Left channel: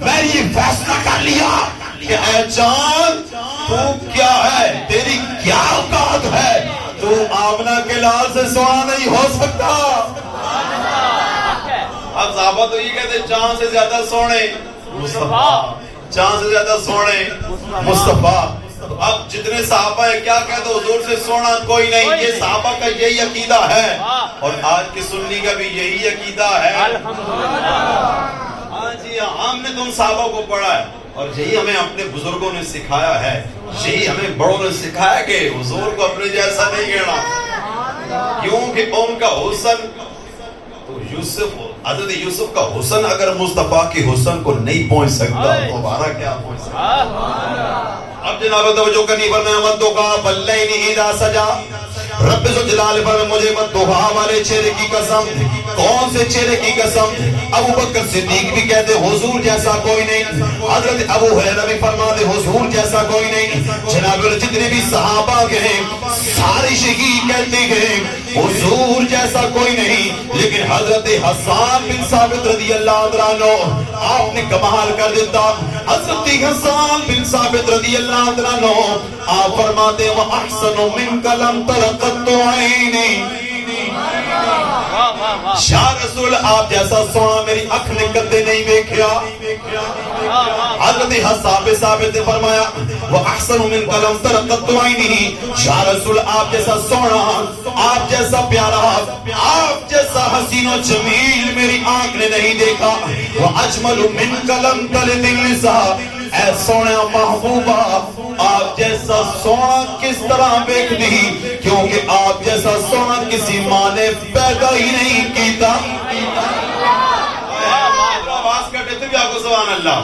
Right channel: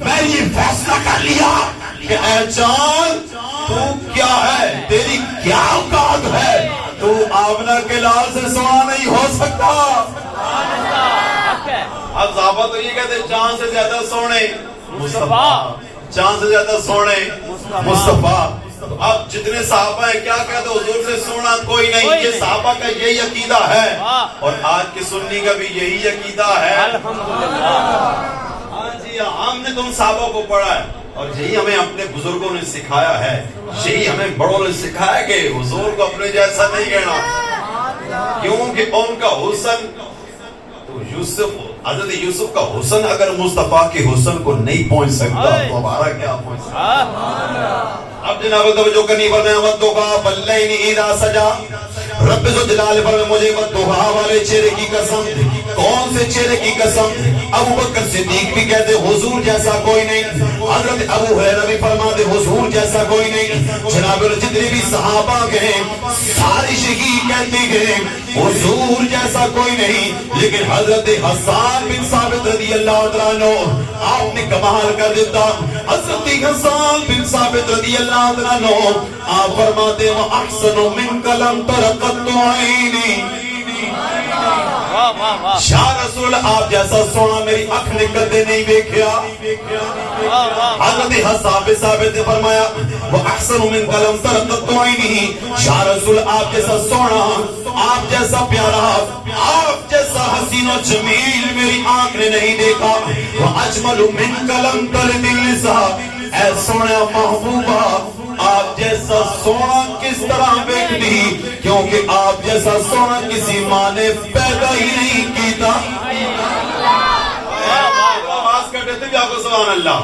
میں یہ فیصلہ کر لیا کہ اے چاند تو کیا ہے، تیری کیا اوقات ہے، تو آمنہ کے لال سے سونا نہیں ہو سکتا۔ اب صحابہ تو یہ کہتے چاند سے زیادہ سونے مصطفیٰ، چاند سے زیادہ سونے مصطفیٰ۔ اب جتنے صحابہ ہیں کیا کہتے حضور سے سونا کوئی نہیں، یہ صحابہ کا یہی عقیدہ ہے، اور آج کے سنی کا بھی یہی عقیدہ ہے۔ ہاں جی، ہم نے تم صحابہ کو پڑھا ہے، اور یہی ہمیں اپنے بزرگوں نے سکھایا ہے، یہی ہمیں بڑوں نے سکھایا کہ حضور کو اپنے جیسا نہیں کہنا، کیونکہ ان کا حسن حضرت یوسف کا حسن اگر مصطفیٰ کے حسن کو نہیں پہنچ سکتا تو ہمارا کیا پہنچ سکتا۔ اب جناب توجہ کرنی پر میں مت دھوکا بلّینی اذا سجا، رب ذو جلال پر میں مجھے مت دھوکا والے چہرے کی قسم۔ کون سے چہرے کی قسم؟ ابو بکر صدیق بھی کہتے حضور جیسا کوئی نہیں، حضرت ابو ہریرہ بھی فرماتے حضور جیسا کوئی نہیں، جناب جتنے بھی صحابہ گئے ساری شہید کہتے ہیں حضور جیسا کوئی نہیں، لیکن حضرت حسان بن ثابت رضی اللہ عنہ آپ نے کمال کر دیتا۔ حضرت حسان بن ثابت رضی اللہ عنہ آپ فرماتے وَأَحْسَنُ مِنْكَ لَمْ تَرَ قَطُّ عَيْنِي، یا رسول آپ جیسا سونا میری آنکھ نے کدے نہیں دیکھا۔ حضرت حسان بن ثابت نے فرمایا وَأَحْسَنُ مِنْكَ لَمْ تَرَ قَطُّ عَيْنِي، یا رسول آپ جیسا سونا، آپ جیسا پیارا، آپ جیسا حسین و جمیل میری آنکھ نے نہیں دیکھا۔ وَأَجْمَلُ مِنْكَ لَمْ تَلِدِ النِّسَاءُ، اے سونے محبوبہ آپ جیسا سونا کس طرح دیکھ دی، کیونکہ آپ جیسا سونا کسی ماں نے پیدا ہی نہیں کیتا۔ آواز کا دیتے بھی آپ کو سبحان اللہ۔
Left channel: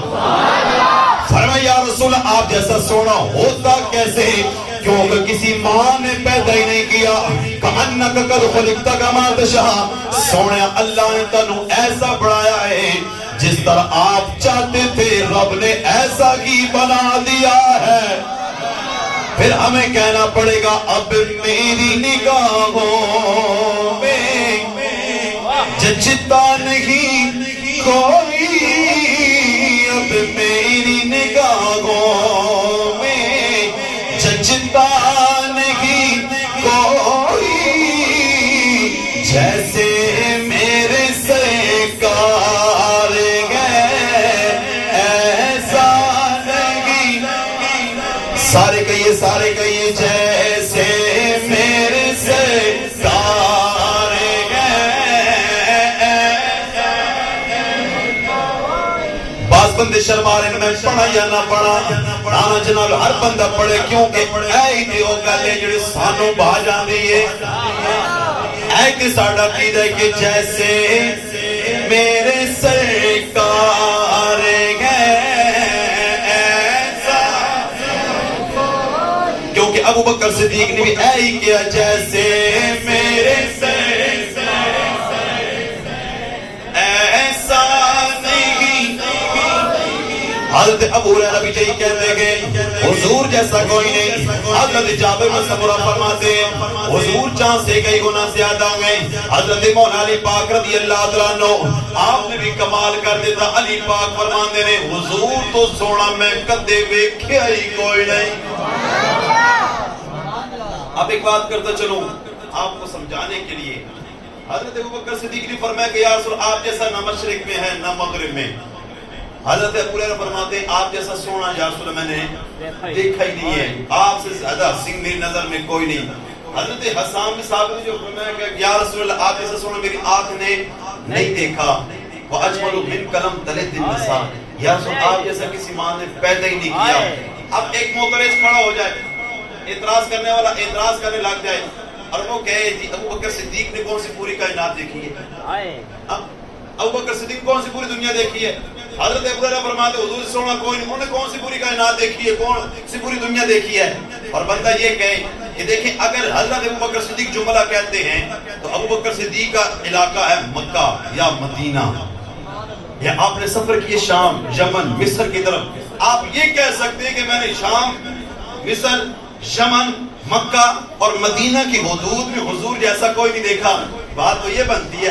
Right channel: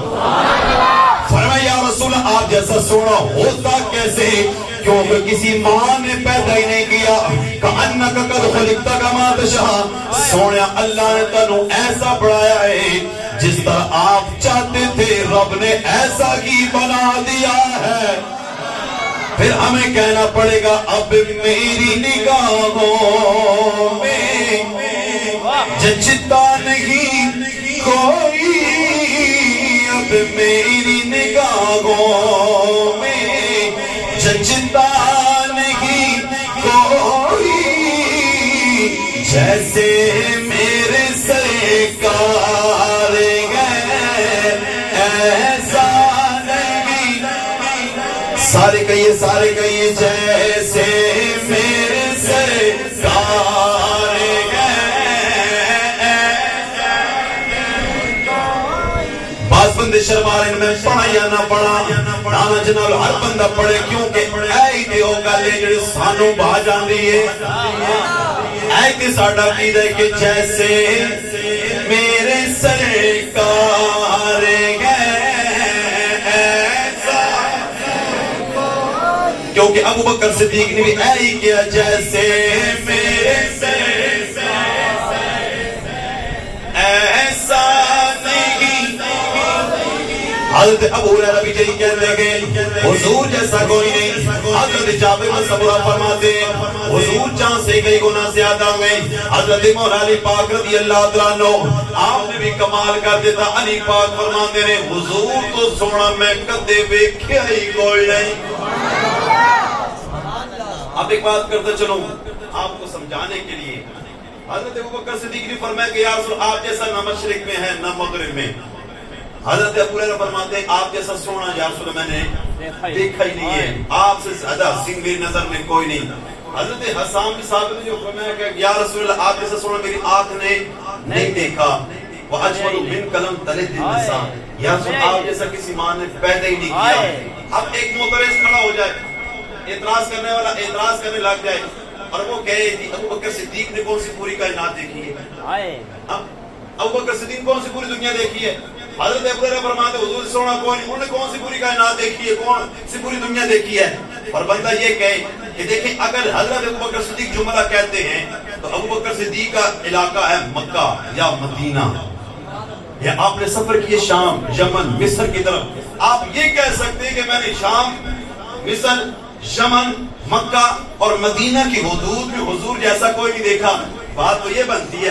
فرمایا یا رسول آپ جیسا سونا ہوتا کیسے، کیونکہ کسی ماں نے پیدا ہی نہیں کیا۔ کأنک قد خلقت کما تشاء، سونے اللہ نے تنو ایسا بڑھایا ہے جس طرح آپ چاہتے تھے، رب نے ایسا ہی بنا دیا ہے۔ پھر ہمیں کہنا پڑے گا اب میری نگاہوں میں جچتا نہیں کوئی، اب میری نگاہوں میں جچتا نہیں کوئی، جیسے میرے سرکار گئے ایسا نہیں، سارے کہیے جیسے میرے سرکار گئے۔ بعض بندے شرما رہے ہیں میں پڑھا یا نہ پڑھا، نانا جناب ہر بندہ پڑھے، کیونکہ اے تے او گل ہے جڑی سانو بھا جاندی ہے، اے تے ساڈا عقیدہ ہے کہ جیسے میرے سرکار گئے ایسا، کیونکہ ابو بکر صدیق نے بھی اے ہی کیا جیسے میرے ایسا نہیں۔ حضرت ابو ہریرہ بھی یہی کہتے گئے حضور جیسا کوئی نہیں۔ حضرت جابر بن سمرہ فرماتے حضور چاند سے کئی گنا زیادہ ہوئے۔ حضرت مولا علی پاک رضی اللہ عنہ آپ نے بھی کمال کر دیتا، علی پاک فرماتے نے حضور تو سونا میں کدے ویکھیا ہی کوئی نہیں۔ اب ایک بات کرتا چلوں آپ کو سمجھانے کے لیے، حضرت ابو بکر صدیق نے فرمایا کہ یا رسول آپ جیسا نہ مشرق میں ہے نہ مغرب میں۔ حضرت ابو ہریرہ فرماتے ہیں آپ جیسا سونا یا رسول میں نے دیکھا ہی نہیں ہے، آپ سے زیادہ حسین میری نظر میں کوئی نہیں۔ حضرت حسان بن ثابت نے جو فرمایا کہ یا رسول اللہ آپ جیسا سونا میری آنکھ نے نہیں دیکھا۔ وَأَجْمَلُ مِنْكَ لَمْ تَلِدِ النِّسَاءُ، یا رسول آپ جیسا کسی ماں نے پیدا ہی نہیں کیا۔ اب ایک معترض کھڑا ہو جائے، اعتراض کرنے والا اعتراض کرنے لگ جائے، اور وہ کہے جی ابو بکر صدیق نے کون سی پوری کائنات دیکھی ہے؟ ابو بکر صدیق کون سی پوری دنیا دیکھی ہے؟ حضرت ابو ہریرہ فرماتے حضور سے سونا کوئی نہیں، انہوں نے کون سی پوری کائنات دیکھی ہے، کون سی پوری دنیا دیکھی ہے؟ اور بندہ یہ کہے کہ دیکھیں اگر حضرت ابو بکر صدیق جملہ کہتے ہیں تو ابو بکر صدیق کا علاقہ ہے مکہ یا مدینہ، یا آپ نے سفر کیے شام، یمن، مصر کی طرف، آپ یہ کہہ سکتے ہیں کہ میں نے شام، مصر، یمن، مکہ اور مدینہ کی حدود میں حضور جیسا کوئی نہیں دیکھا۔ بات تو یہ بنتی ہے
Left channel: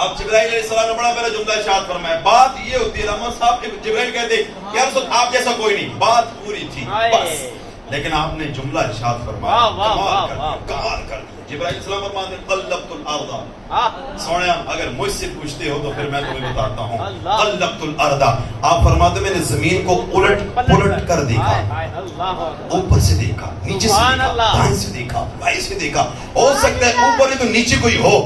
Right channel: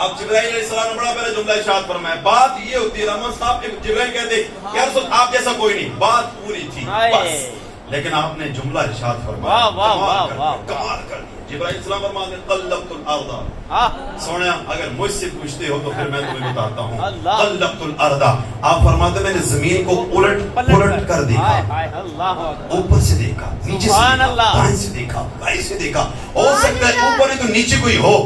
اب جبرائیل علیہ السلام نے بڑا پہلا جملہ ارشاد فرمایا. بات یہ ہوتی ہے رحمت صاحب جبرائیل کہتے یا رسول آپ جیسا کوئی نہیں, بات پوری تھی بس, لیکن آپ نے جملہ ارشاد فرمایا, کمال کر دیا. جبرائیل السلام فرماتے ہیں قلبت الارض, سونے اگر مجھ سے پوچھتے ہو تو پھر میں تمہیں بتاتا ہوں. قلبت الارض, آپ فرماتے میں نے زمین کو الٹ پلٹ کر دیکھا, اوپر سے دیکھا, نیچے سے دیکھا, دائیں سے دیکھا, بائیں سے دیکھا. ہو سکتا ہے اوپر نہیں تو نیچے کوئی ہو,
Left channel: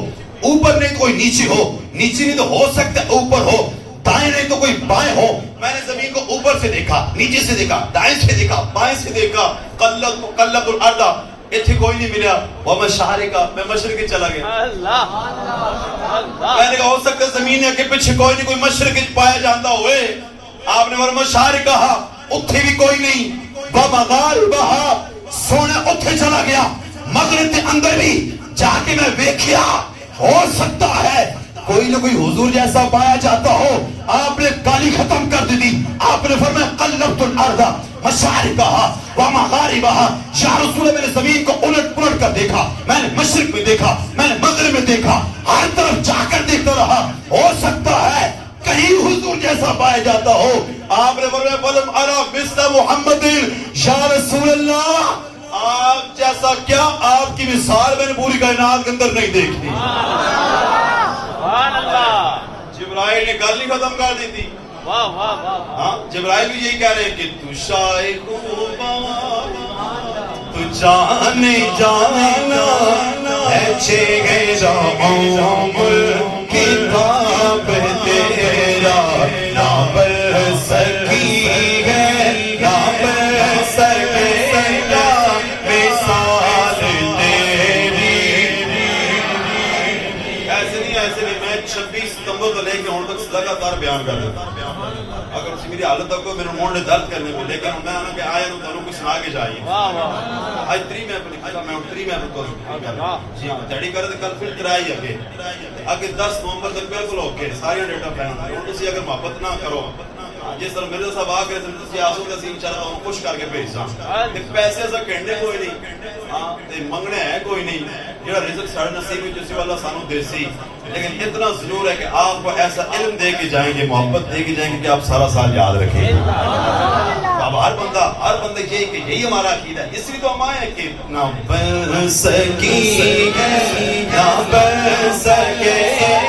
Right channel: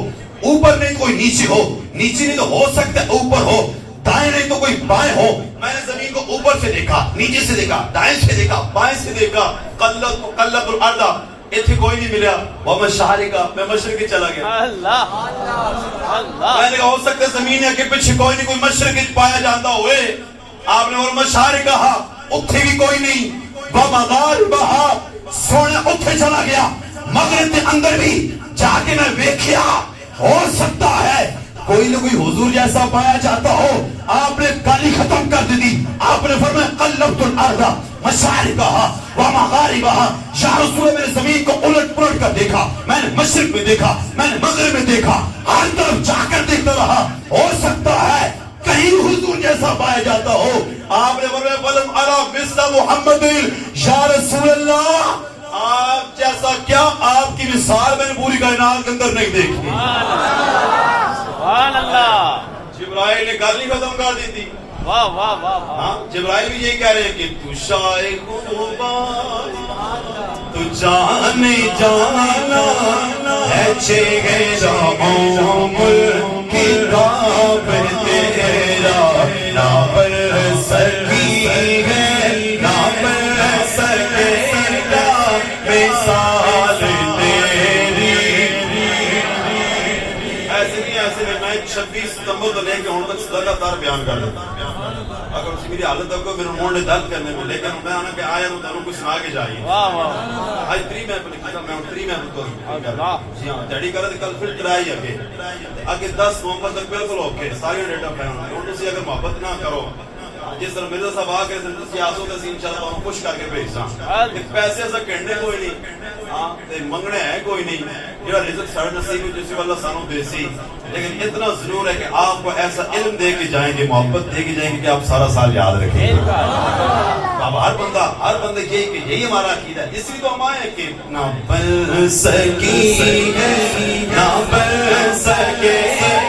اوپر نہیں کوئی نیچے ہو, نیچے نہیں تو ہو سکتا ہے اوپر ہو, دائیں نہیں تو کوئی بائیں ہو. میں نے زمین کو اوپر سے دیکھا, نیچے سے دیکھا, دائیں سے دیکھا, بائیں سے دیکھا. قلب الارض, اتنے کوئی نہیں ملیا. وہ مشارقہ, میں مشرق چلا گیا. میں نے کہا ہو سکتا ہے زمین کے پیچھے کوئی نہیں, کوئی مشرق پایا جاتا ہوئے. آپ نے فرمایا مشارقہ, اتنے بھی کوئی نہیں. ومغاربہ, سونا اتنے چلا گیا. مغرب کے اندر بھی جا کے میں دیکھیا, ہو سکتا ہے کوئی نہ کوئی حضور جیسا پایا جاتا ہو. آپ نے گالی ختم کر دی. آپ نے فرمایا قلبت الارض مشارقہ ومغاربہ, یا رسول اللہ میں نے زمین کو الٹ پلٹ کر دیکھا, میں نے مشرق میں دیکھا, میں نے مغرب میں دیکھا, ہر طرف جا کر دیکھتا رہا. ہو سکتا ہے کہیں حضور جیسا پایا جاتا ہو. آپ نے فرمایا فلم ارا مثل محمد, یا رسول اللہ آپ جیسا کیا, آپ کی مثال میں نے پوری کائنات کے اندر نہیں دیکھی. جبرائیل نے گل نہیں ختم کر دی تھی. ہاں جبرائیل بھی یہی کہہ رہے ہیں کہ تو شائق تو جانے جانا ہے چہرہ عمر کتاب تیرا, نہ بر سکی ہے نہ بر سکے گا مثال تیری. ایسے نہیں میں 26 ستمبر تو لے کے ہوں تک لگاتار بیان کر دیتا. اگر اسی میری حالت تک کو میرے موڑ درد کرنے میں, لیکن میں آنا کہ آیا تو تنوں کچھ سنا کے جائیے. آج 3 میں اپنی کھتا میں 3 میں اپنی جی ہاں تیڑی کر دے. کل پھر ترائی اگے 10 نومبر تک بالکل اوکے ساری ڈیٹا پہن ہوں. تسی اگر محبت نہ کرو, جس طرح مرزا صاحب آ کے تسی آسو تے سین چلا تو خوش کر کے بھیجاں. تے پیسے ایسا کہنے کوئی نہیں, ہاں تے منگنے ہے کوئی نہیں. جڑا رزق ساڑے نصیب جس اللہ سانو دے سی, لیکن اتنا ضرور ہے کہ آپ کو ایسا علم دے کے جائیں گے, محبت دے کے جائیں گے کہ آپ سارا سال یاد رکھیں. اب ہر بندے یہی کہ یہی ہمارا عقیدہ ہے. اس لیے تو ہم آئے ہیں کہ نہ بن سکی نہ بن سکے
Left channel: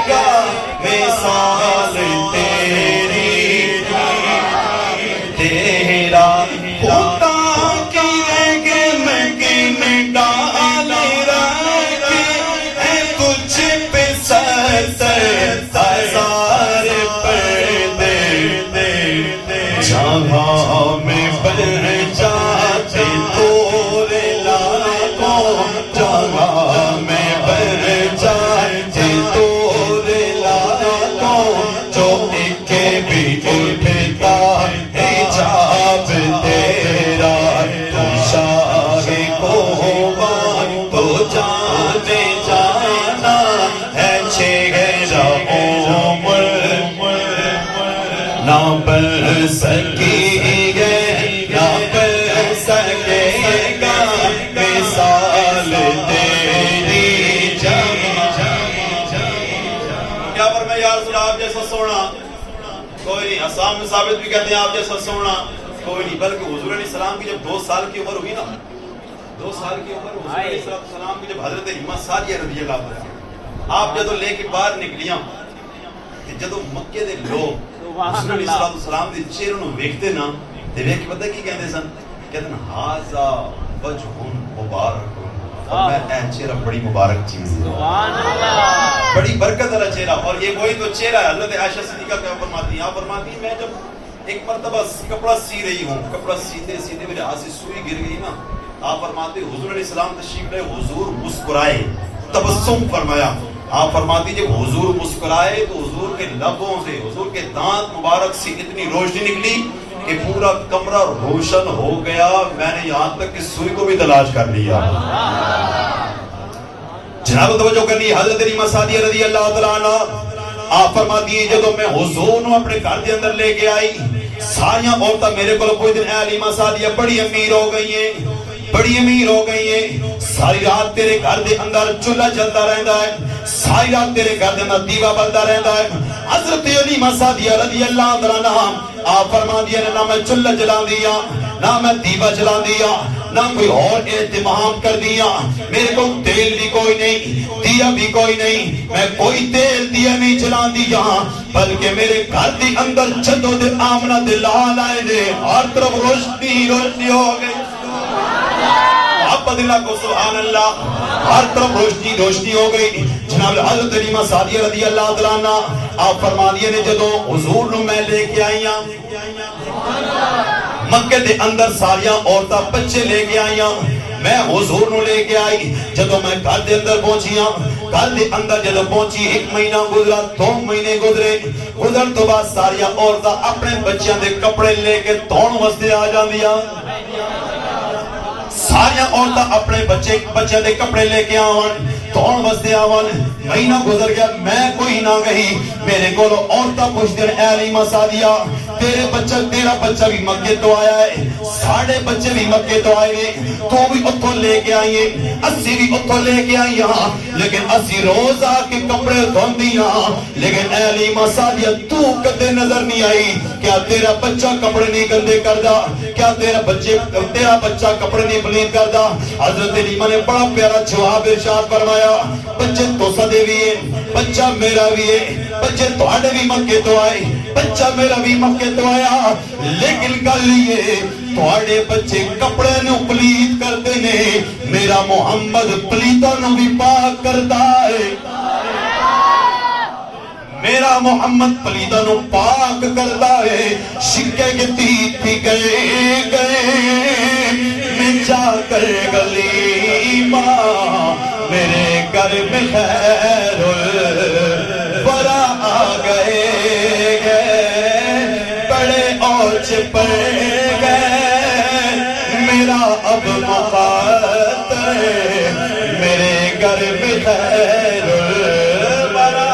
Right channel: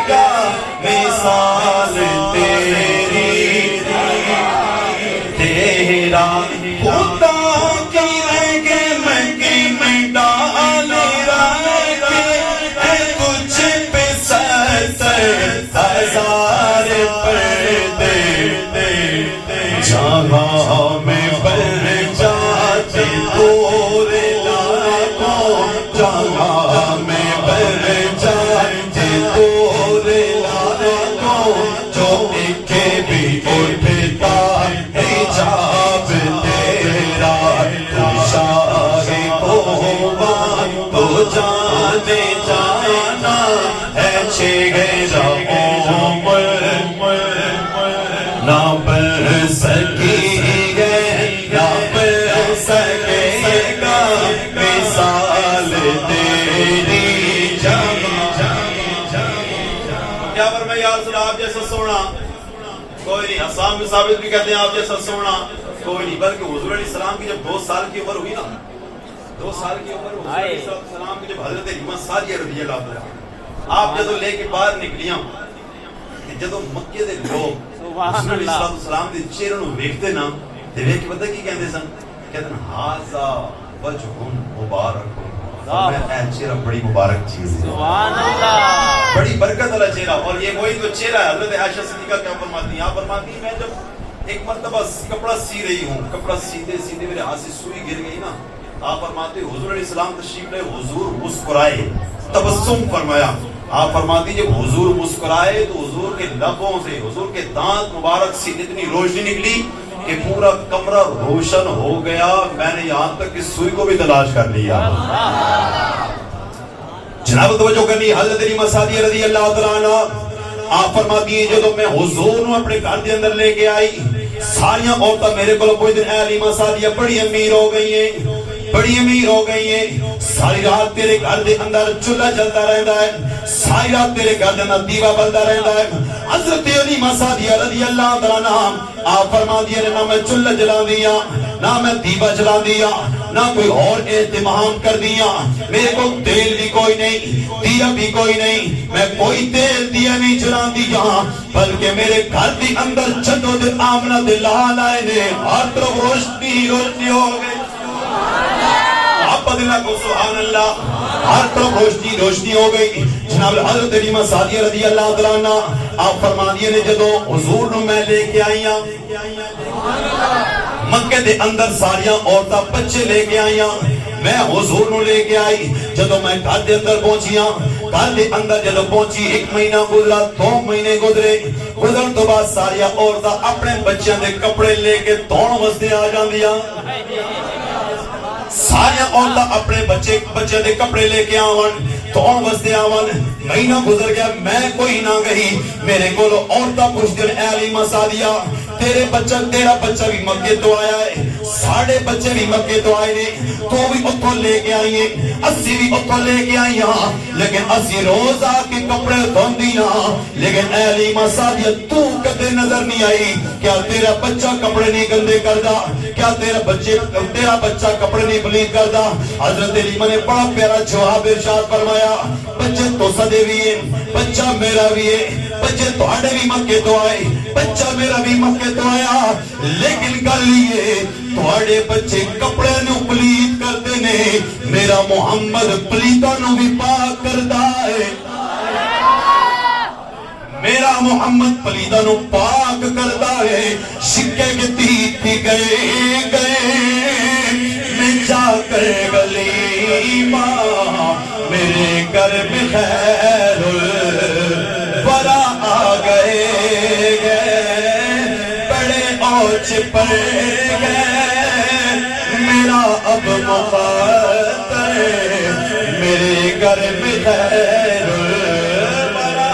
گا مثال تیری, تیرا خدا کی رگ میں ڈال رکھے ہے تجھ پہ ستر ہزار پردے, جہاں میں بڑھ جاتے دور لاکھوں, جہاں میں بڑھ جاتے دور لاکھوں, جو ایک بھی اٹھتا حجاب تیرا, شاہ کو تو جانے جانا ہے چہرہ عمر, نہ بن سکی ہے نہ بن سکے گا مثال تیری. کیا فرمایا یا رسول آپ جیسا سونا کوئی نہیں. حسان بن ثابت بھی کہتے ہیں آپ جیسا سونا کوئی نہیں, بلکہ حضور علیہ السلام کی جب 2 سال کی عمر ہوئی نا, 2 سال کی عمر حضور علیہ السلام کی جب حضرت حلیمہ سعدیہ رضی اللہ عنہا آپ جدو لے کے باہر نکلیاں, جدو مکے دے لوگ حضور علیہ السلام دے چہرے نوں ویکھتے نا تے ویکھ کے پتہ کی کہندے سن, کہندے نا ھذا وجہ مبارک, میں اے چہرہ بڑی مبارک چیز ہے, سبحان اللہ, بڑی برکت والا چہرہ. اور یہ وہی تو چہرہ ہے. حضرت عائشہ صدیقہ کیا فرماتی ہیں, آپ فرماتی ہیں میں جب ایک مرتبہ کپڑا سی رہی ہوں, کپڑا سیتے سیتے میرے ہاتھ سے سوئی گر گئی نا, آپ فرماتے ہیں حضور علیہ السلام تشریف لائے, حضور مسکرائے, تبسم فرمایا. آپ فرماتی جب حضور مسکرائے تو حضور کے لبوں سے, حضور کے دانت مبارک سے اتنی روشنی نکلی کہ پورا کمرہ روشن ہو گیا. میں نے یہاں تک کہ سوئی کو بھی تلاش کر لیا. جناب توجہ کر لی. حضرت حلیمہ سعدیہ رضی اللہ تعالیٰ عنہ آپ فرماتی ہیں جب میں حضور نو اپنے گھر کے اندر لے کے آئی, ساریاں عورتاں میرے کو کوئی دن اے حلیمہ سعدیہ بڑی امیر ہو گئی ہیں, بڑی امیر ہو گئی ہیں, ساری رات تیرے گھر دے اندر چولہا جلتا رہندا ہے, ساری رات تیرے گھر میں دیوا بلدا رہندا ہے. حضرت علی مسادیہ رضی اللہ تعالی عنہ آپ فرما دیا نہ میں چولہا جلا دیا نہ میں دیوا جلا دیا نہ کوئی اور اہتمام کر دیا. میرے کو تیل بھی کوئی نہیں دیا بھی کوئی نہیں, میں کوئی تیل دیا نہیں جلا دیا, بلکہ میرے گھر دی اندر جدو دے آمنہ دے لال آئے نے ہر طرف روشنی روشنی ہو گئی. آپ بدلا کو سبحان اللہ, ہر طرف روشنی روشنی ہو گئی. جناب حضرت علی مسادیہ رضی اللہ تعالیٰ عنہ آپ فرما دیے نے جدو حضور نو میں لے کے آئیاں مکہ دے اندر ساریاں عورتاں بچے لے کے آئیاں, میں حضور نو لے کے آئی. جدو میں گھر دے اندر پہنچیاں, گھر دے اندر جدو پہنچی 1 مہینہ گزرا 2 مہینے گزرے, گزرن تو بعد ساریاں عورتاں اپنے بچیاں دے کپڑے لے کے دھون واسطے آ جاندیاں. ساریاں عورتاں اپنے بچے دے کپڑے لے کے آون دھون واسطے آون. مہینہ گزر گیا میں کوئی نہ گئی. میرے کو عورتاں پوچھتے ہیں اے علی مسادیہ تیرا بچہ بھی مکے تو آیا ہے, ساڑھے بچے بھی مکے تو آئے نے, تو بھی اتھوں لے کے آئیے, اسی بھی اتھوں لے کے آئی ہاں, لیکن اسی روز آ کے کپڑے دھون دیاں. لیکن اے علی مسادیہ تو کدے نظر نہیں آئی, کیا تیرا بچہ کپڑے نہیں گندے کردا, کیا تیرا بچہ کپڑے نہیں پلید کردا. حضرت علی نے بڑا پیارا جواب ارشاد فرمایا, بچے تو سدے بھی ہے, بچہ میرا بھی ہے, بچے تواڈے بھی مکے تو آئے, بچہ میرا بھی مکے تو آیا, لیکن گل یہ تواڈے بچے کپڑے نو پلید کرتے نے, میرا محمد پلیتاں نو بھی پاک کردا ہے. میرا محمد پلیتاں نو پاک کردا ہے. سکے کے تھی گئے میں جا کر گلی ماں, میرے گھر میں خیر الورا آ گئے بڑے اوچ پڑ گئے, میرا اب مخاطر میرے گھر میں خیر الورا.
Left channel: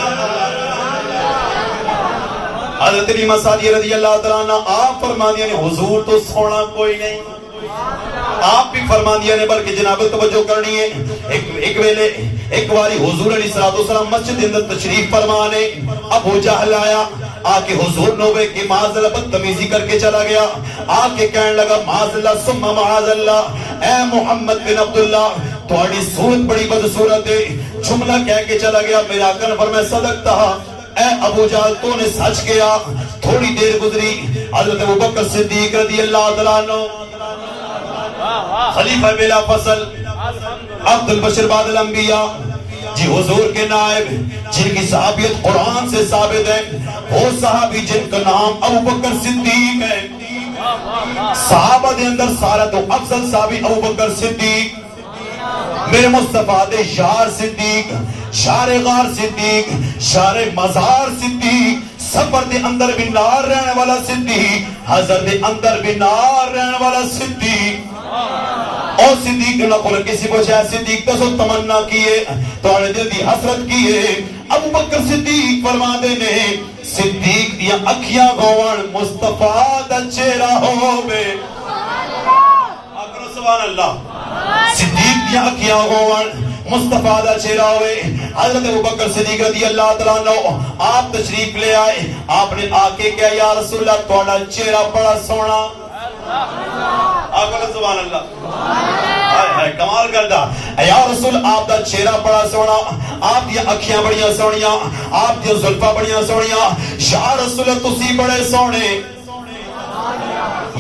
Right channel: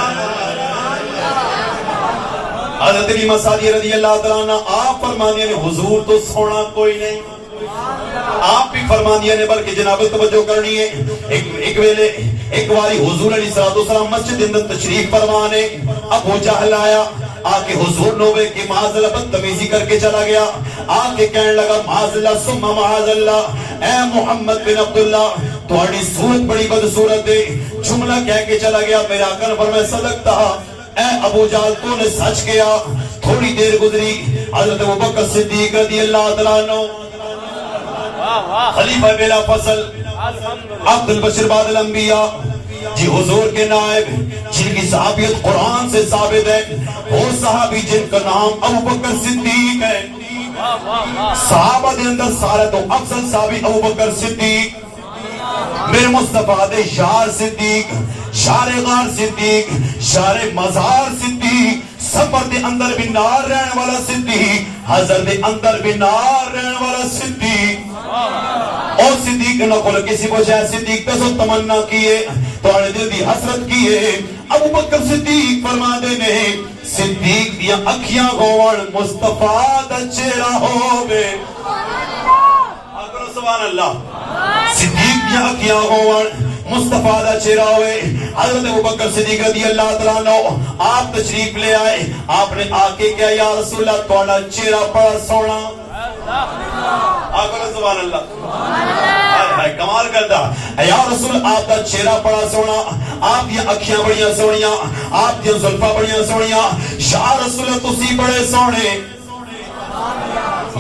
حضرت علی مسادیہ رضی اللہ تعالیٰ عنہ آپ فرما دیا نے حضور تو سونا کوئی نہیں, آپ بھی فرما دیا نے, بلکہ جناب توجہ کرنی ہے. ایک واری حضور علیہ السلام مسجد کے اندر تشریف فرمانے, ابو جہل آیا, آ کے حضور نوبے کی معاذ اللہ بدتمیزی کر کے چلا گیا. آ کے کہنے لگا معاذ اللہ ثم معاذ اللہ, اے محمد بن عبداللہ تھوڑی صورت بڑی بدصورت ہے. جملہ کہہ کے چلا گیا. میرا آقا نے فرمایا صدقتا, اے ابو جہل تو نے سچ کیا. تھوڑی دیر گزری, حضرت ابوبکر صدیق رضی اللہ تعالیٰ عنہ خلیفہ بلا فصل عبد البشر بعد الانبیاء, جی حضور کے نائب جن کی صحابیت قرآن سے ثابت ہے, وہ صحابی جن کا نام ابوبکر صدیق ہے. صحابہ دے اندر سارا تو افضل صحابی ابوبکر صدیق, میرے مصطفیٰ دے شار صدیق, شار غار صدیق, شار مزار صدیق, سفر دے اندر بھی نار رہنے والا صدیق, حضر دے اندر بھی نار رہنے والا صدیق. اور صدیق نہ کھول کسی کو شاید صدیق تو تمنا کیے تو دل دی حسرت کیے. ابو بکر صدیق فرما دے نے صدیق دیا اکھیاں گوان مصطفیٰ دا چہرہ ہووے. سبحان اللہ. صدیق دیا اکھیاں گوان مصطفیٰ دا چہرہ ہوئے. حضرت ابوبکر صدیق رضی اللہ تعالیٰ عنہ آپ تشریف لے آئے. آپ نے آ کے کہا یا رسول اللہ تھوڑا چہرہ بڑا سونا. آپ کا سبحان اللہ کمال کرتا. یا رسول آپ دا چہرہ بڑا سونا, آپ دی اکھیاں بڑیاں سونیاں, آپ دی زلفاں بڑیاں سونیاں. یا رسول تسی بڑے سونے,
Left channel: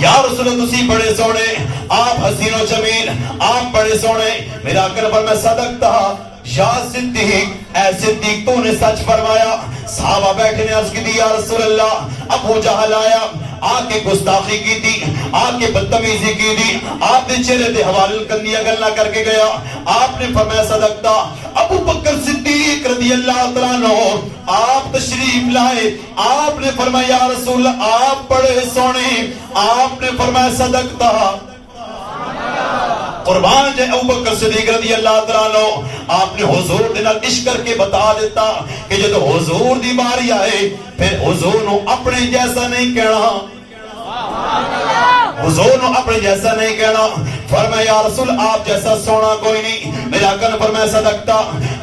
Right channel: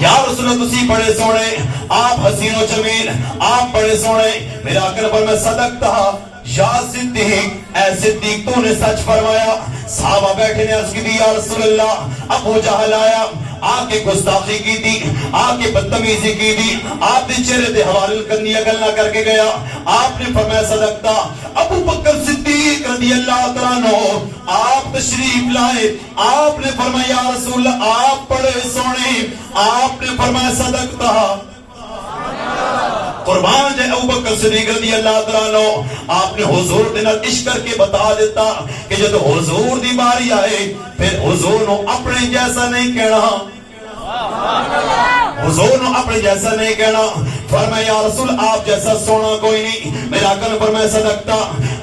یا رسول تسی بڑے سونے, آپ حسین و جمیل, آپ بڑے سونے. میرا آقا پر میں صدقتا یا صدیق, اے صدیق تو نے سچ فرمایا. صحابہ بیٹھے نے عرض کی دی یا رسول اللہ. ابو جہل آیا, آپ کے گستاخی کی تھی, آپ کے بدتمیزی کی تھی, آپ نے چہرے دے حوالے کندیا گلنا کر کے گیا. آپ نے فرمایا صدقتا. ابو بکر صدیق رضی اللہ تعالیٰ عنہ آپ تشریف لائے. آپ نے فرمایا یا رسول اللہ آپ بڑے سونے. آپ نے فرمایا صدقتا. قربان جائے ابو بکر صدیق رضی اللہ تعالیٰ عنہ آپ نے حضور دے نال عشق کر کے بتا دیتا کہ جب حضور دی باری آئے پھر حضور نو اپنے جیسا نہیں کہنا, حضور نے اپنے جیسا نہیں کہنا. فرمایا یا رسول آپ جیسا سونا کوئی نہیں. میرے آقا نے فرمایا صدقتا.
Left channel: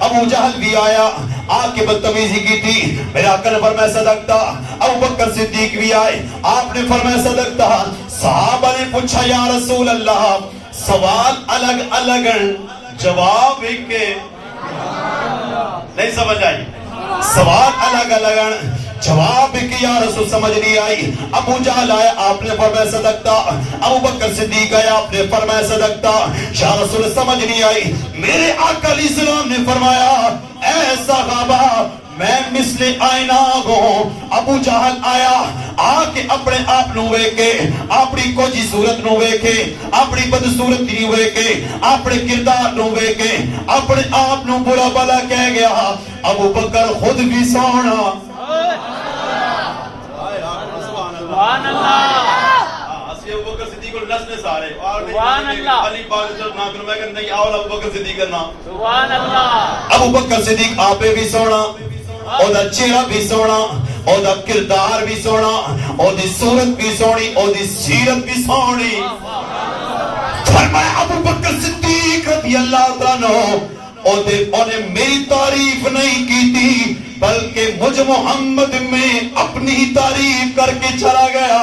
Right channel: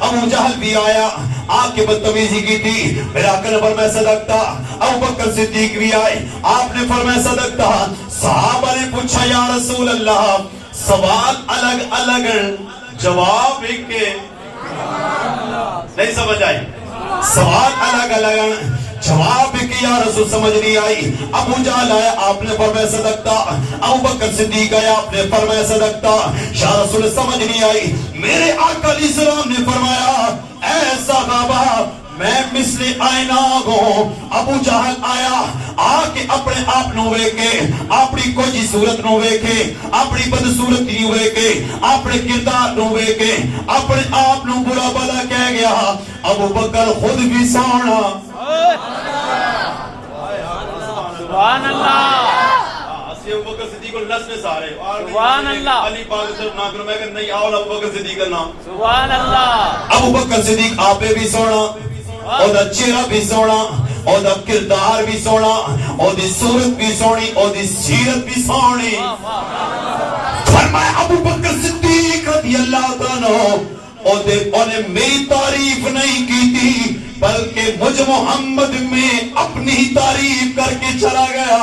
ابو جہل بھی آیا, آپ کی بدتمیزی کی تھی, میرے آقا نے فرمایا صدقتا. ابو بکر صدیق بھی آئے, آپ نے فرمایا صدقتا. صحابہ نے پوچھا یا رسول اللہ سوال الگ الگ جواب ایک کے نہیں سمجھ آئی. سوال الگ الگ جواب کہ یا رسول سمجھ نہیں آئی. ابو جہل آیا, آپ نے فرمایا صدقتا. ابو بکر صدیق آیا, آپ نے فرمایا صدقتا. یا رسول سمجھ نہیں آئی. میرے آقا علیہ السلام نے فرمایا اے صحابہ میں مثل آئینہ ہوں. ابو جہل آیا, آ کے اپنے آپ نو ویکھے, اپنی کوجی صورت نو ویکھے, اپنی بدصورتی نو ویکھے, اپنے کردار نو ویکھے, اپنے آپ نو برا بلا کہہ گیا. ابو بکر خود بھی سونا. سبحان اللہ. اسی ابو بکر صدیق کو نس نے سارے اور سبحان اللہ. علی پاک سے نہ کرو, میں کہ نہیں آؤ ابو بکر صدیق کا نام. سبحان اللہ. ابو بکر صدیق آپے بھی سونا, او دا چہرہ بھی سونا, او دا کردار بھی سونا, او دی صورت بھی سونی, او دی سیرت بھی سونی. فرمایا ابو بکر صدیق رضی اللہ تعالیٰ نے میری تعریف نہیں کی تھی بلکہ مجھ محمد میں اپنی ہی تعریف کر کے چلا گیا.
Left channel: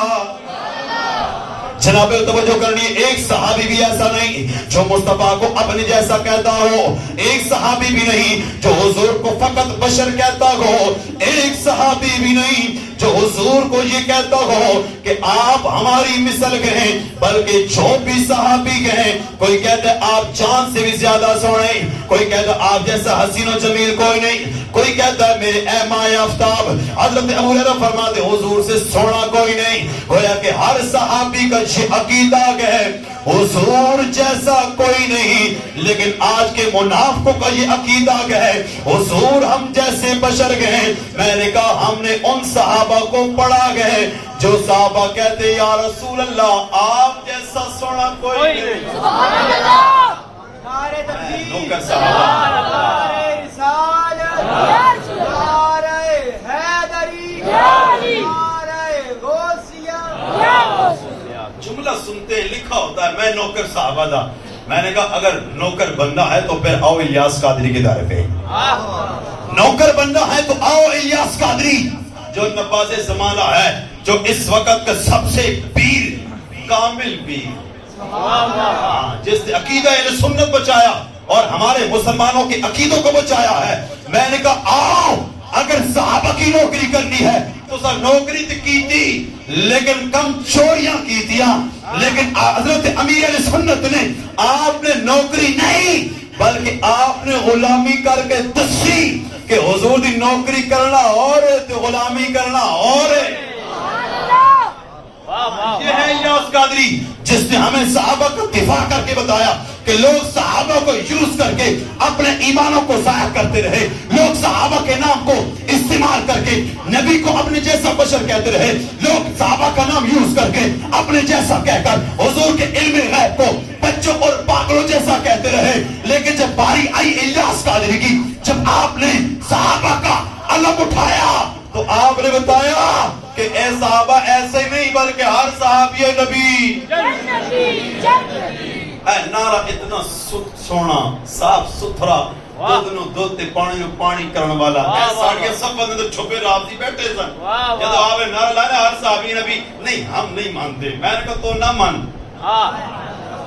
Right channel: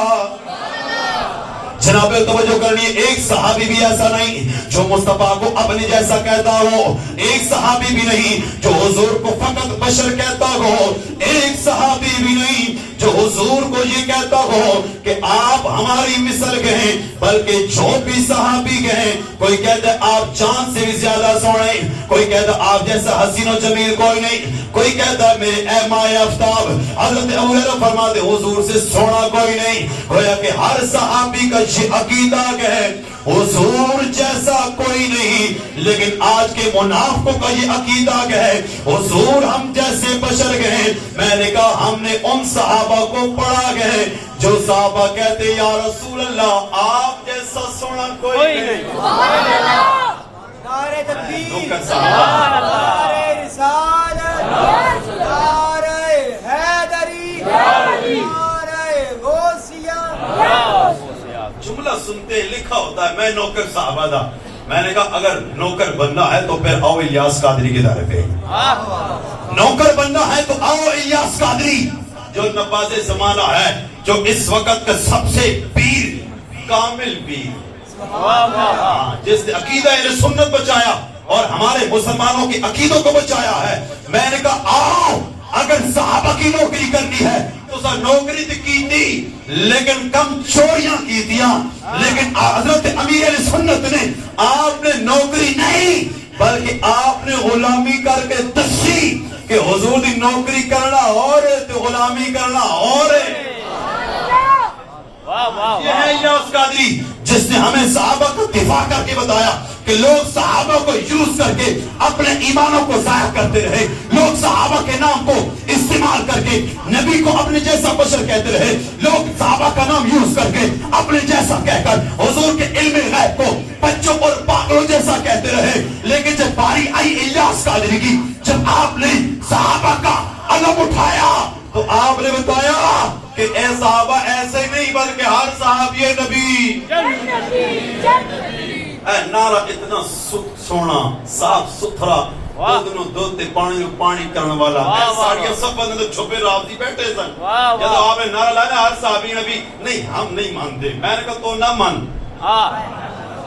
جناب توجہ کرنی, ایک صحابی بھی ایسا نہیں جو مصطفیٰ کو اپنے جیسا کہتا ہو, ایک صحابی بھی نہیں جو حضور کو فقط بشر کہتا ہو, ایک صحابی بھی نہیں جو حضور کو یہ کہتا ہو کہ آپ ہماری مثل کے ہیں, بلکہ جو بھی صحابی کے ہیں, کوئی کہتا ہے آپ چاند سے بھی زیادہ سونے, کوئی کہتا ہے آپ جیسا حسین و جمیل کوئی نہیں, کوئی کہتا ہے میرے اے مائے آفتاب. حضرت ابو ہریرہ فرماتے حضور سے سونا کوئی نہیں. گویا کہ ہر صحابی کا یہ عقیدہ ہے حضور جیسا کوئی نہیں, لیکن آج کے منافقوں کا یہ عقیدہ ہے حضور ہم جیسے بشر گئے. میں نے کہا ہم نے ان صحابہ کو پڑھا گئے جو صحابہ کہتے یا رسول اللہ آپ جیسا سونا کوئی نہیں. سبحان اللہ. نعرہ تکبیر, نوکر صحابہ, نعرہ رسالت, نعرہ حیدری, نعرہ غوثیہ. جملہ سنتے لکھا ہوتا ہے میں نوکر صحابہ دا. میں نے کہا اگر نوکر بندہ ہے تو پھر آؤ الیاس قادری کے دائرے پہ. نوکر بندہ ہے تو آؤ الیاس قادری جو نواز زمانہ ہے, جو اس وقت کا سب سے پیر کامل پیر, جس نے عقیدہ اہل سنت بچایا اور ہمارے مسلمانوں کے عقیدوں کو بچایا ہے. میں نے کہا آؤ اگر صحابہ کی نوکری کرنی ہے تو سر نوکری تو کی تھی لیکن کم چوریاں کی دیا, لیکن حضرت امیر اہل سنت نے آپ نے نوکری نہیں بلکہ آپ نے غلامی کر کے دسی کہ حضور دی نوکری کرنا اور تو غلامی کرنا اور. یہ ہے الیاس قادری جس نے ہمیں صحابہ کا دفاع کر کے بتایا کہ لوگ صحابہ کو یوز کر کے اپنے ایمانوں کو ضائع کرتے رہے, لوگ صحابہ کے نام کو استعمال کر کے نبی کو اپنے جیسا بشر کہتے رہے, لوگ صحابہ کا نام یوز کر کے اپنے جیسا کہہ کر حضور کے علم غیب کو بچوں اور پاگلوں جیسا کہتے رہے. لیکن جب باری آئی الیاس قادری کی, جب آپ نے صحابہ کا علم اٹھایا تو آپ نے بتایا کہ اے صحابہ ایسے نہیں بلکہ ہر صحابی نبی. اے نعرہ اتنا سونا صاف ستھرا دودھ پانی کرنے والا, ساڑیاں سب بندے چھپے رابطی بیٹھے سن. جب آپ نے نعرہ لانا ہر صحابی نبی, نہیں ہم نہیں مانتے. میں نے کہا تو نہ مان,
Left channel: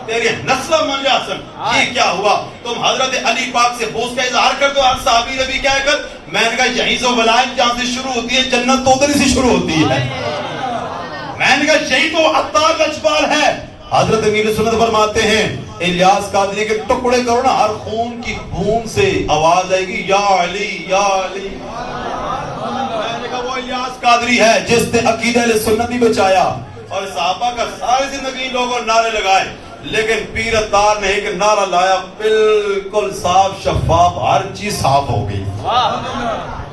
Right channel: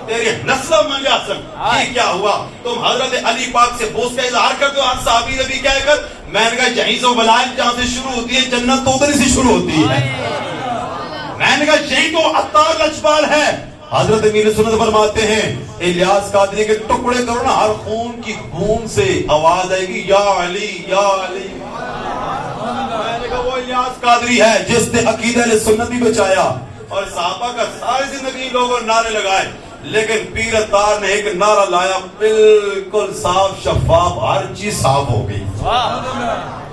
تیری نسل من جا سن. یہ کیا ہوا, تم حضرت علی پاک سے بوس کا اظہار کر دو ہر صحابی نبی کہہ کر. میں نے کہا یہیں سے ولایت جہاں سے شروع ہوتی ہے جنت تو ادھر سے شروع ہوتی ہے. میں نے کہا یہی تو عطار لجپال ہے. حضرت امیر سنت فرماتے ہیں الیاس قادری کے ٹکڑے کرو نا, ہر خون کی بوند سے آواز آئے گی یا علی یا علی. میں نے کہا وہ الیاس قادری ہے جس نے عقیدہ اہل سنت بھی بچایا اور صحابہ کا ساری زندگی لوگوں نعرے لگائے, لیکن پیر اتار نے ایک نعرہ لایا بالکل صاف شفاف, ہر چیز صاف ہو گئی.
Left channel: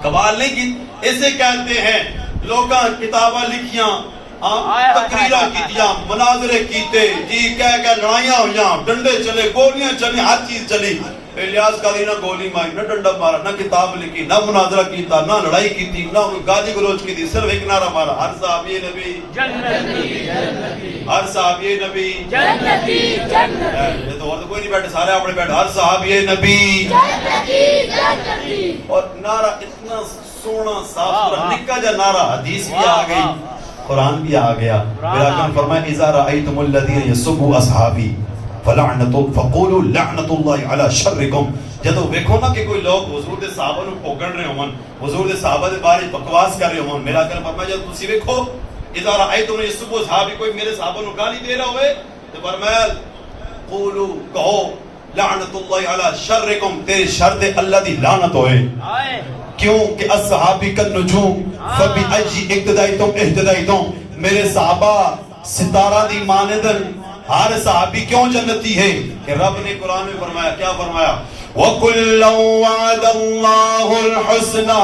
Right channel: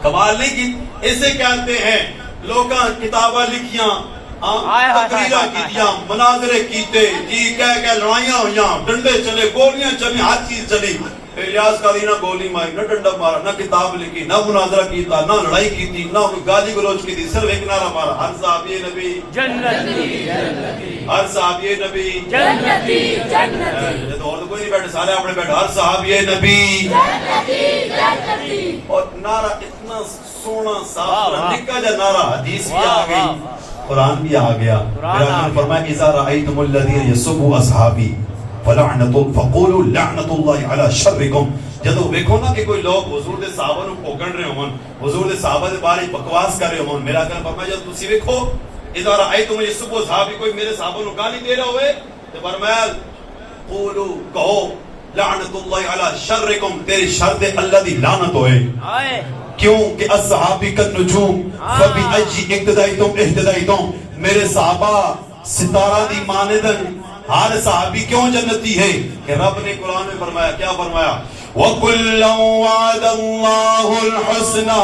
کمال نہیں کی, اسے کہتے ہیں لوگاں کتاباں لکھیاں, تقریرہ کیتیاں, مناظرے کیتے, جی کہہ لڑائیاں ہوئیاں, ڈنڈے چلے, گولیاں چلی, ہر چیز چلی, الیاس قاضی نہ گولی ماری نہ ڈنڈا مارا نہ کتاب لکھی نہ مناظرہ کیتا نہ لڑائی کی تھی نہ گالی گلوچ کی تھی صرف ایک نعرہ مارا ہر صحابی نبی جنتی ہر صحابی نبی جنتی یہ تو اور تو کوئی نہیں بیٹھے سارے اپنے بیٹھے ہر صحابی نبی اور نعرہ اتنا سونا صاف ستھرا نکا جا نعرہ حدیث بھی آ گئی قرآن بھی آ گیا پھر آقا نے فرمایا اذا رأيتم الذين يسبوا اصحابي فقولوا لعنت اللہ علی شرکم جدو ویکھو نا کہ کوئی لوگ حضور دے صحابہ نو پوگڑ رہے ہون حضور دے صحابہ دے بارے بکواس کر رہے ہون میرا کہنا فرمایا جب تسی ویکھو اذا رأيتم يسبوا اصحابي کوئی میرے صحابہ نو گالی دے رہا ہوئے تو فرمایا قولوا کہو لعنت اللہ علی شرکم تیرے شر تے اللہ دی لعنت ہوئے کیوں کہ الصحابی کا نجوم فبأي اقتدائتم اہتدائتم میرے صحابہ ستارہ دی مانندن ہر صحابی کیوں جنتی ہے کہ رب نے قرآن میں فرمایا کیا فرمایا وَكُلًّا وَعَدَ اللَّهُ الْحُسْنَى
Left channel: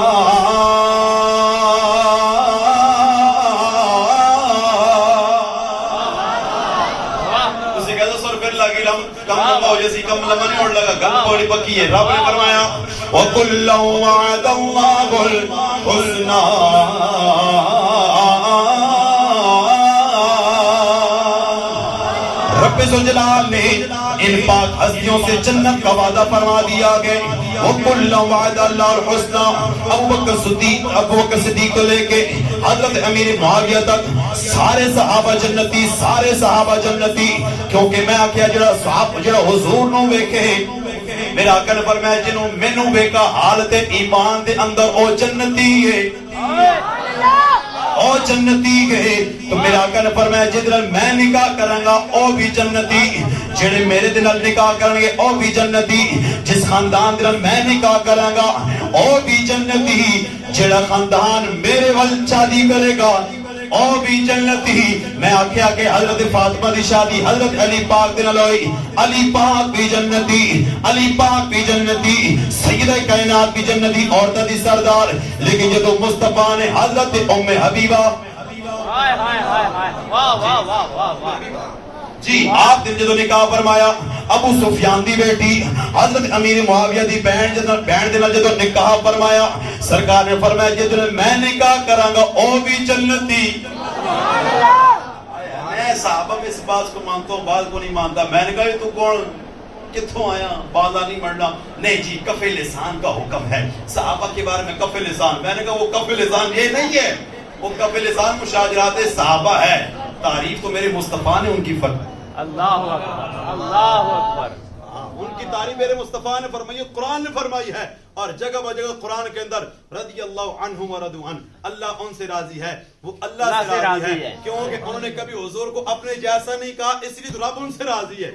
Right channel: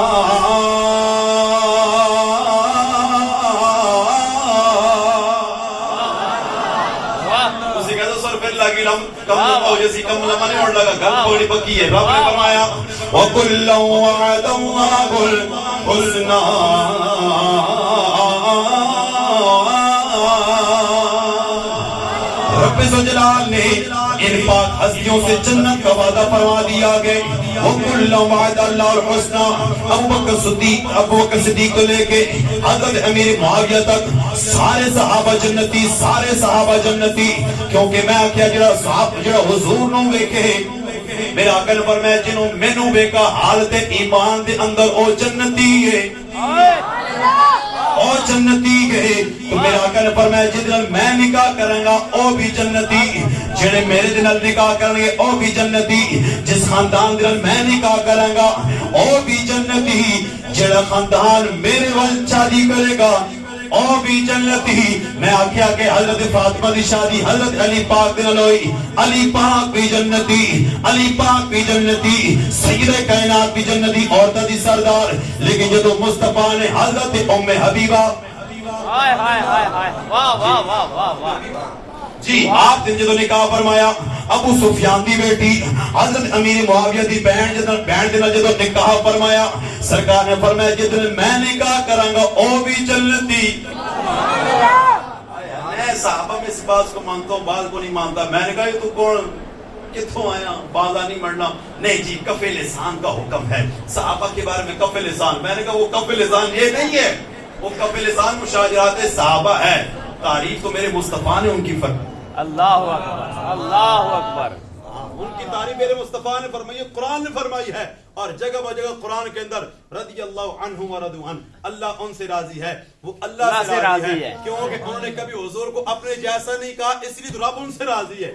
اسے کہتا سر پھر لگی کم لمبا ہو جیسی کم لمبا نہیں اور لگا گل بڑی پکی ہے رب نے فرمایا وَكُلًّا وَعَدَ اللَّهُ الْحُسْنَى رب ذوالجلال نے ان پاک ہستیوں سے جنت کا وعدہ فرما دیا گئے وَكُلًّا وَعَدَ اللَّهُ الْحُسْنَى ابو بکر صدیق کو لے کے حضرت امیر معاویہ تک سارے صحابہ جنتی کیونکہ میں آکھیا جڑا حضور نو ویکھے میرا عقل پر میں جنوں مینوں ویکھا حالت ایمان دے اندر او جنتی ہے او جنتی گئے تو میرا آقا نے فرمایا جدر میں نکاح کروں گا او بھی جنتی جڑے میرے دل نکاح کریں گے او بھی جنتی جس خاندان دل میں نکاح کروں گا او بھی جنتی جڑا خاندان میرے ول شادی کرے گا او بھی جنتی میں آکھیا کہ حضرت فاطمہ دی شادی حضرت علی پاک دے نال ہوئی علی پاک بھی جنتی سیدہ کائنات بھی جنتی عورتاں دی سردار لیکن جدو مصطفیٰ نے حضرت ام حبیبہ جی آپ دن جدو نکاح فرمایا ابو سفیان دی بیٹی حضرت امیر معاویہ دی بہن جدو نکاح فرمایا سرکار نے فرمایا جدو میں نکاح کراں گا او بھی جنتی میں صحابہ میں اس بات کو مانتا ہوں بعض کو نہیں مانتا میں نے کہا تو کون کتھوں آیا بازا نہیں مرنا نہیں جی کف لسان کا حکم ہے صحابہ کے بارے میں کف لسان میں نے کہا وہ کف لسان یہ نہیں ہے وہ کف لسان مشاجرات صحابہ ہے تعریف تو میرے مصطفیٰ نے ان کی اللہ اکبر ان کی تعریف میرے مصطفیٰ نے فرمائی قرآن نے فرمائی ہے اور جگہ بجگہ قرآن کے اندر رضی اللہ عنہم ورضوا عنہ اللہ ان سے راضی ہے وہ اللہ سے راضی ہے کیونکہ انہوں نے کبھی حضور کو اپنے جیسا نہیں کہا اس لیے رب ان سے راضی ہے